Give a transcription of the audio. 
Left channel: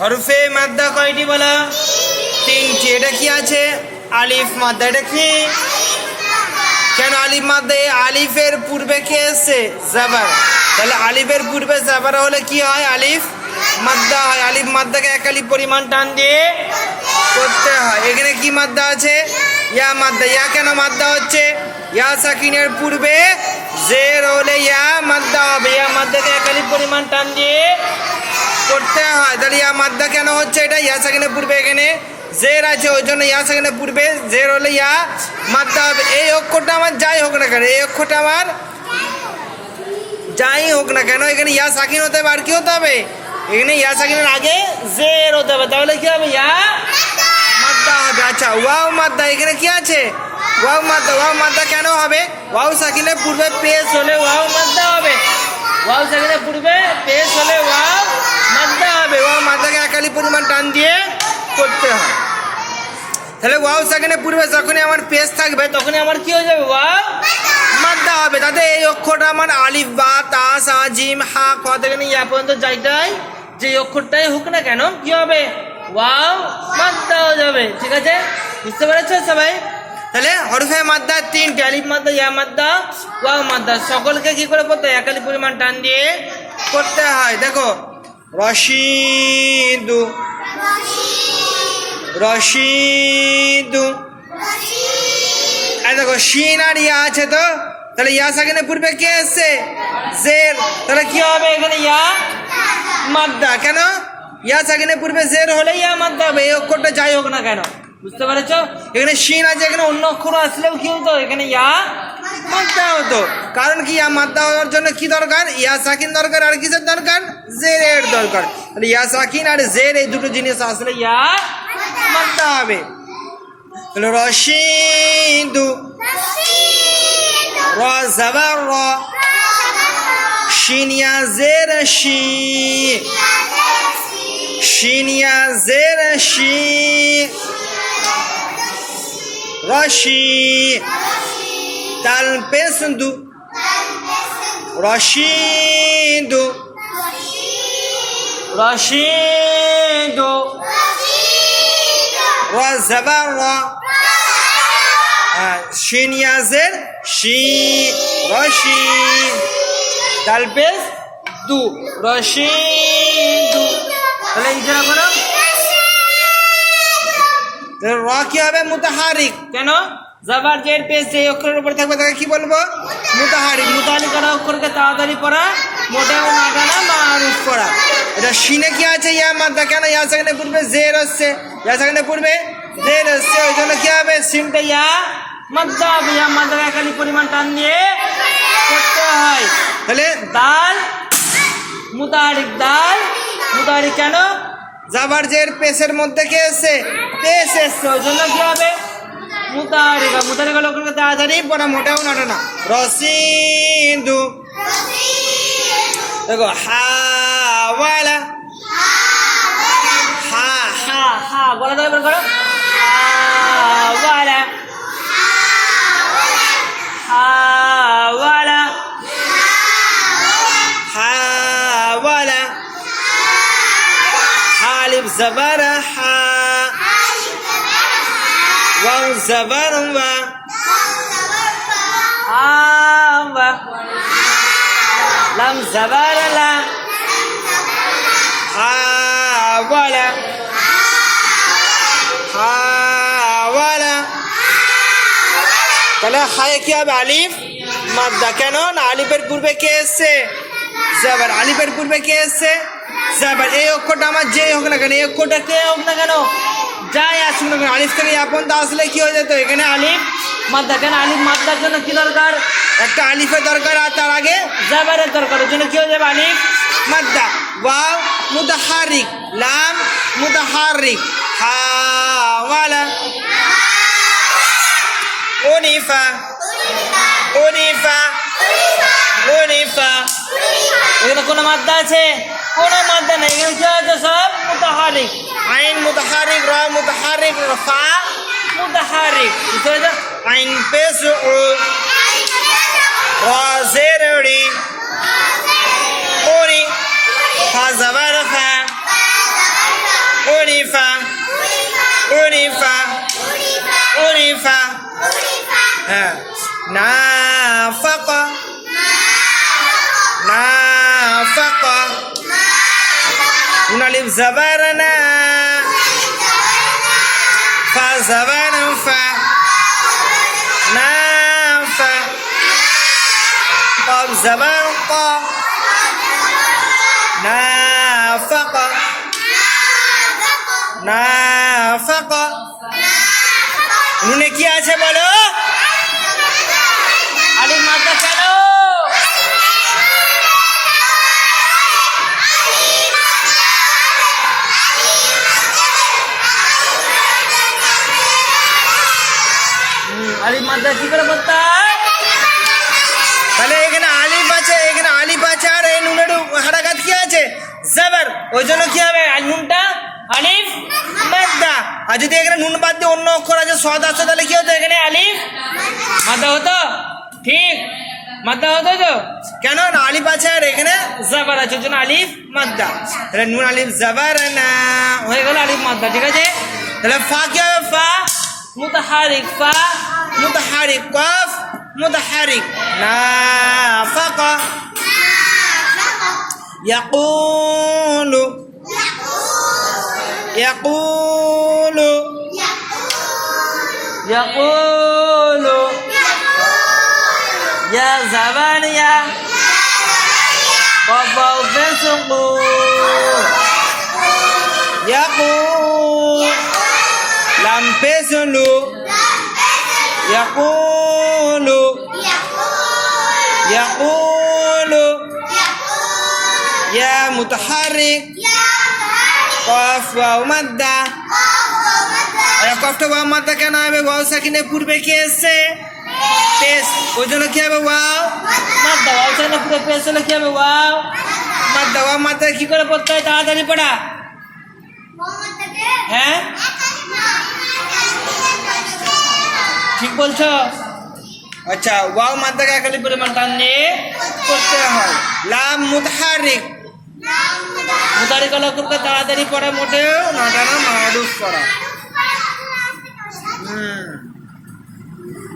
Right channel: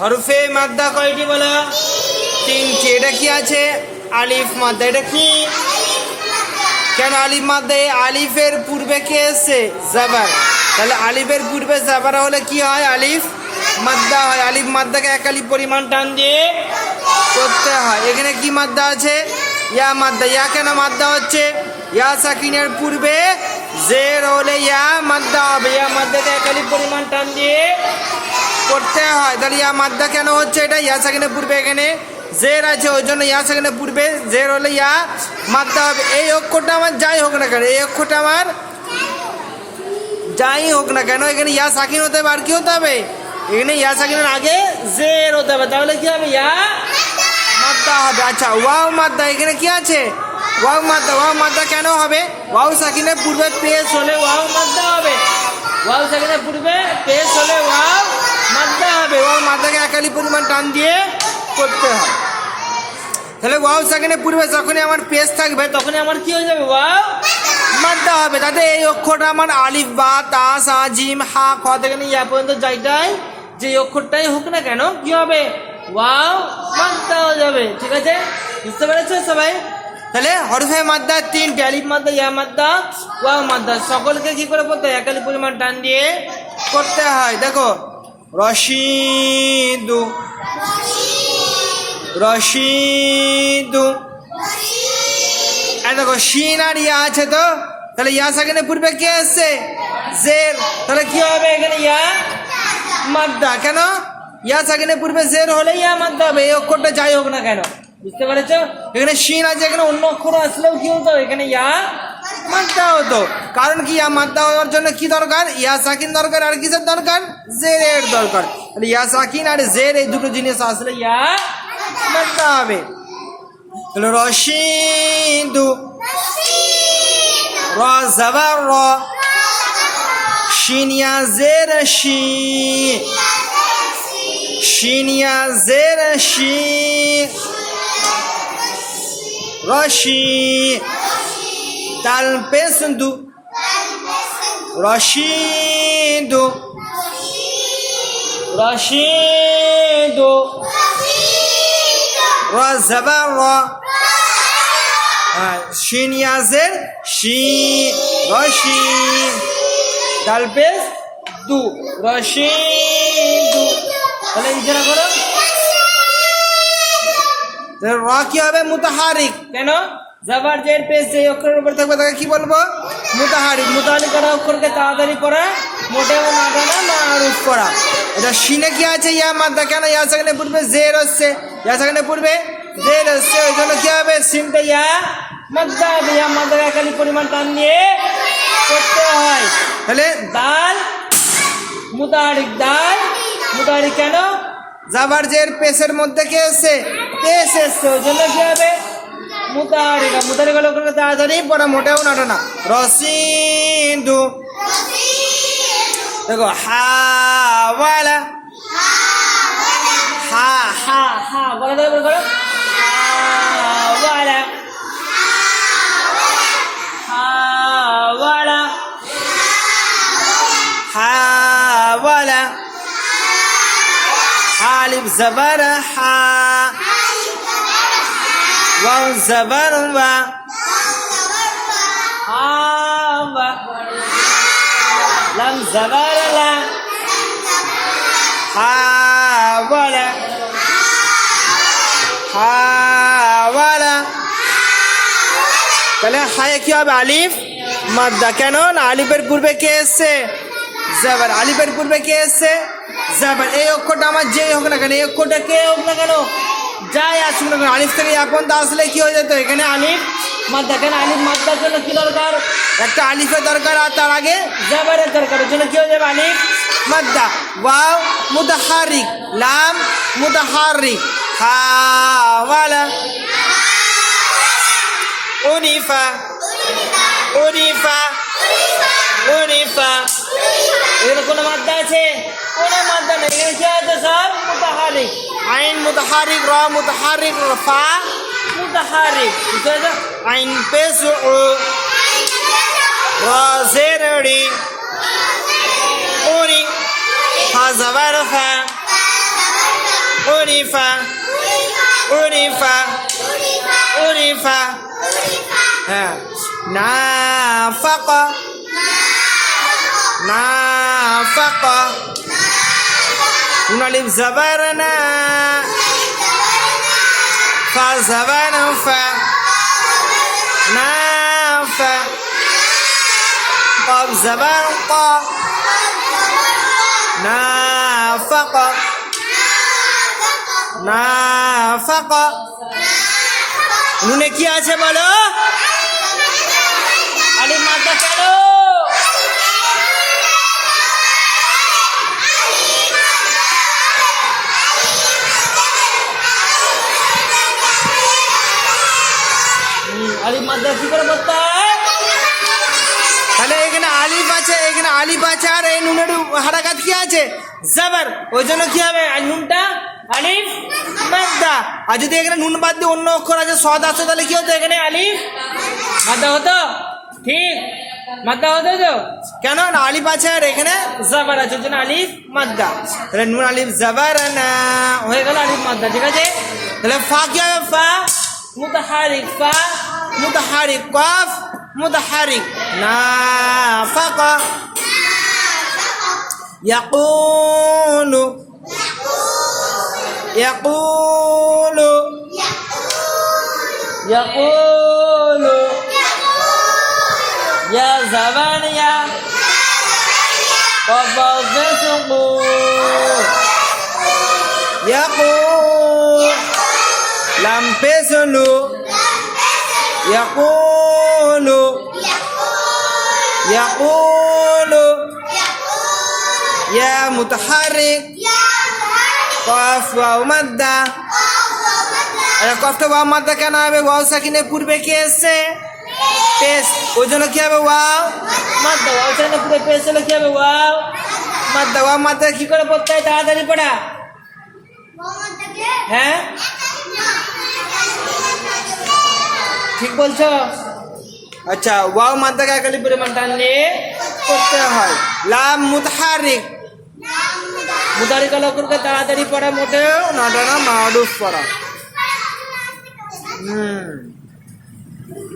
হরফে মাদ্দা কয়টি বলো? তিনটি। এটা কি আছে? আলিফ মাদ্দা। এটা কি? কেন আলিফ মাদ্দা? আলিফের পূর্বে কে এসছে? জাবার। তাহলে আলিফের পূর্বে জাবার হলে কি হয়? আলিফ মাদ্দা হয়। আলিফ মাদ্দাকে এক আলিফ পরিমাণ টান দিয়ে করতে হয়। এখানে কি মাদ্দা আছে? ইয়া মাদ্দা। ইয়া কেন মাদ্দা হচ্ছে? ইয়া সাকিনের পূর্বে জের হলে ইয়া মাদ্দা হবে। ইয়া মাদ্দাকে এক আলিফ পরিমাণ টান দিয়ে করতে হয়। তাহলে ইয়া মাদ্দা কেন হচ্ছে? এটা ইয়া সাকিনের পূর্বে এখানে জের আছে, ওই জন্য ইয়া সাকিনের পূর্বে জের হলে ইয়া মাদ্দা হবে। এই অক্ষরটা আমার যাই হোক না কেন, এই অক্ষরটা আমার যাই হোক না কেন, এখানে ইয়া সাকিন হতে হবে, আর কি হতে হবে? এখানে ইয়া সাকিনের আগে জের হতে হবে, তাহলে কি হবে? ইয়া মাদ্দা হবে। আচ্ছা ওয়াও মাদ্দা, এখানে কি আছে? ওয়াও মাদ্দা ওয়াও মাদ্দা কেন হবে? ওয়াও সাকিনের পূর্বে পেশ হলে ওয়াও মাদ্দা হবে। ওয়াও সাকিনের পূর্বে পেশ হলে ওয়াও মাদ্দা হবে। ওয়াও মাদ্দাকে একালি পরিমাণ টান দিয়ে করতে হয়। তাহলে ওয়াও সাকিনের পূর্বে যখনই আমার পেশ থাকবে, তখনই আমার কি হয়ে যাবে ওয়াও? মাদ্দা হবে। তাতে এই অক্ষরটা আমার আলিফ, বা, তা, সা, জিম, হা, খ থেকে নিয়ে ইয়া পর্যন্ত যাইটাই, যে অক্ষরটাই হোক না কেন, কি হবে? ওয়াও মাদ্দা হয়ে যাবে। ঠিক আছে? বুঝতে পেরেছ সবাই? তাহলে হরফে মাদ্দা তিনটে, আলিফ মাদ্দা, ইয়া মাদ্দা, ওয়াও মাদ্দা। সকলকে কি করে পড়তে একালি পরিমাণ টান দিয়ে করতে হয়। দেখো রশিদু। রশিদু। এই দেখো শিন আর ইয়া আছে তো? তাহলে ইয়া সাকিনে পূর্বে কে এসছে জের। তাহলে কি হবে এখানে ইয়া? মাদ্দা। কেন? ইয়া সাকিনে পূর্বে জের হলে ইয়া মাদ্দা হবে। এই অক্ষরটা যাই হোক না কেন। বুঝতে পেরেছ? এখানে শিন আছে এখানে অন্য অক্ষর আসলেও কি হতো? এখানে ইয়া মাদ্দা হতো কারণ কি ইয়া মাদ্দা হওয়ার জন্য কি দরকার? ইয়া সাকিন দরকার আর কিসের দরকার? জেরের দরকার। তাহলে ইয়া সাকিন আর জের এই দুটো জিনিস আসলে ইয়া মাদ্দা হবে তাহলে রশিদু। র জাবার র শিনিয়া জের শি শিনিয়া জের শি রশি তাল পেসন্দু রশিদু রশিদু র জাবার র হ্যাঁ, শিন ইয়াজের শি রশি দু রশি দু তাহলে ইশারা করো র কি হবে মুতাহারিক কেন জাবার জের পেস যে অক্ষরের উপর থাকবে, তাকে কি বলব? মুতাহারিক মুতাহারিক করা অক্ষরকে তাড়াতাড়ি পড়া, মোটেও না টানা মারুফ করা। এটা শিনে কি আছে, ইয়া মাদ্দা, কেন ইয়া সেখানে পূর্বে জের হচ্ছে ইয়া সেখানে পূর্বে জের হচ্ছে ওই জন্য কি হবে? সিনটা ইয়া মাদ্দা ইয়া মাদ্দা একালি পরিমাণ টান নিয়ে করতে হয়। তাহলে দাল মুতাহারিক দাল মুতাহারিক কেন? জাবার জের পেসের মধ্যে কে এসছে? পেস এসছে, ওই জন্য কি হবে? মুতাহারিকা মুতাহারিকা লোককে তাড়াতাড়ি পড়া মোটেও না না। রসিন্দু। দেখো হাওয়ালা হা হা হা বলা যাবে করো। হাওয়ালা হাওয়ালা হাওয়ালা আলিফ জবর হা वंश वर्मा आम सवर आवल आवल पहले हाय अब आलिफ मत दखनो ना आलिफर गुरबे के से जबर आलिफर गुरबे के से जबर ए ओ को जे होग ना ए को डके होग ना যাই আসুক না আলিফ থেকে আপন তো আসলে কি হয়ে যেত? এখানে আলিফ মাদ্দা কেন আলিফ মাদ্দার জন্য কী দরকার? একটা আলিফের দরকার আর তার আগে জাবারের দরকার। ওই জন্য কি হয়ে যাবে আলিফ? মাদ্দা ওয়াও মুতাহারিক লাম মুতাহারিক হাওয়ালা উনিফা। উনিফা। উনিফা। এখানে কোনো মাদ্দা আছে? কোনো মাদ্দা নেই। এখানে কি আছে সব? মুতাহারিক আইন মুতাহারিক র মুতাহারিক ফা মুতাহারিক বুঝতে পেরেছ আইন পেশ উ র জের রি উরি ফা জবর ফা উরিফা উরিফা উরিফা হ্যাঁ নাফাকা নাফাকা নুন আলিফ জবর না ফা জবর ফা নাফা قاف زبر قا نافق نافق নুনে কি আছে বলো আলিফ মাদ্দা কি করে হয়? তাহলে এখানে আলিফ আছে, এখানে আলিফ আছে, আর এই নুনের হারাকাত কি আছে? জাবার। ওই জন্য কি হবে? নুনটা? আলিফ মাদ্দা। আর যদি এখানে নুন বাদ দিয়ে অন্য অক্ষর আছে, সদ আছে, তাহলে কি হতো এখানে? আলিফ মাদ্দা হতো? ঠিক। মাদ্দা হতো তো? কেন? না, আলিফ আছে আর এখানে জাবার আছে জন্য আলিফ মাদ্দা। তাহলে নুন, আলিফ, জাবার না, হয়ে গেল আলিফ মাদ্দা, ঠিক আছে? তাহলে ফা কি হবে? ফা? মুতাহারিক ফা mutaharik kaf mutaharik nafaka yaqulu yaqulu yaqulu ya zabaniya qafau Ya yaqulu lampes pesulu يقول يقول يا متحرك قاف واو مدة এই কফটা ওয়াও মাদ্দা কেন হবে ওয়াও সাকিনের পূর্বে কি এসছে পেস ওই জন্য কি হবে ওয়াও মাদ্দা ওয়াও সাকিনের পূর্বে পেস হলে কি হবে ওয়াও মাদ্দা ওয়াও মাদ্দা কি করে পড়তে হয় তাড়াতাড়ি পড়া হ্যাঁ ঠিক বলছো? আচ্ছা ওয়াও মাদ্দাকে খালি পরিমাণ নিয়ে করতে হয়। লাম মুতাহারিক। মুতারিক হলো করতে তাড়াতাড়ি পড়া মোটেও, না টানা পড়া। হুম।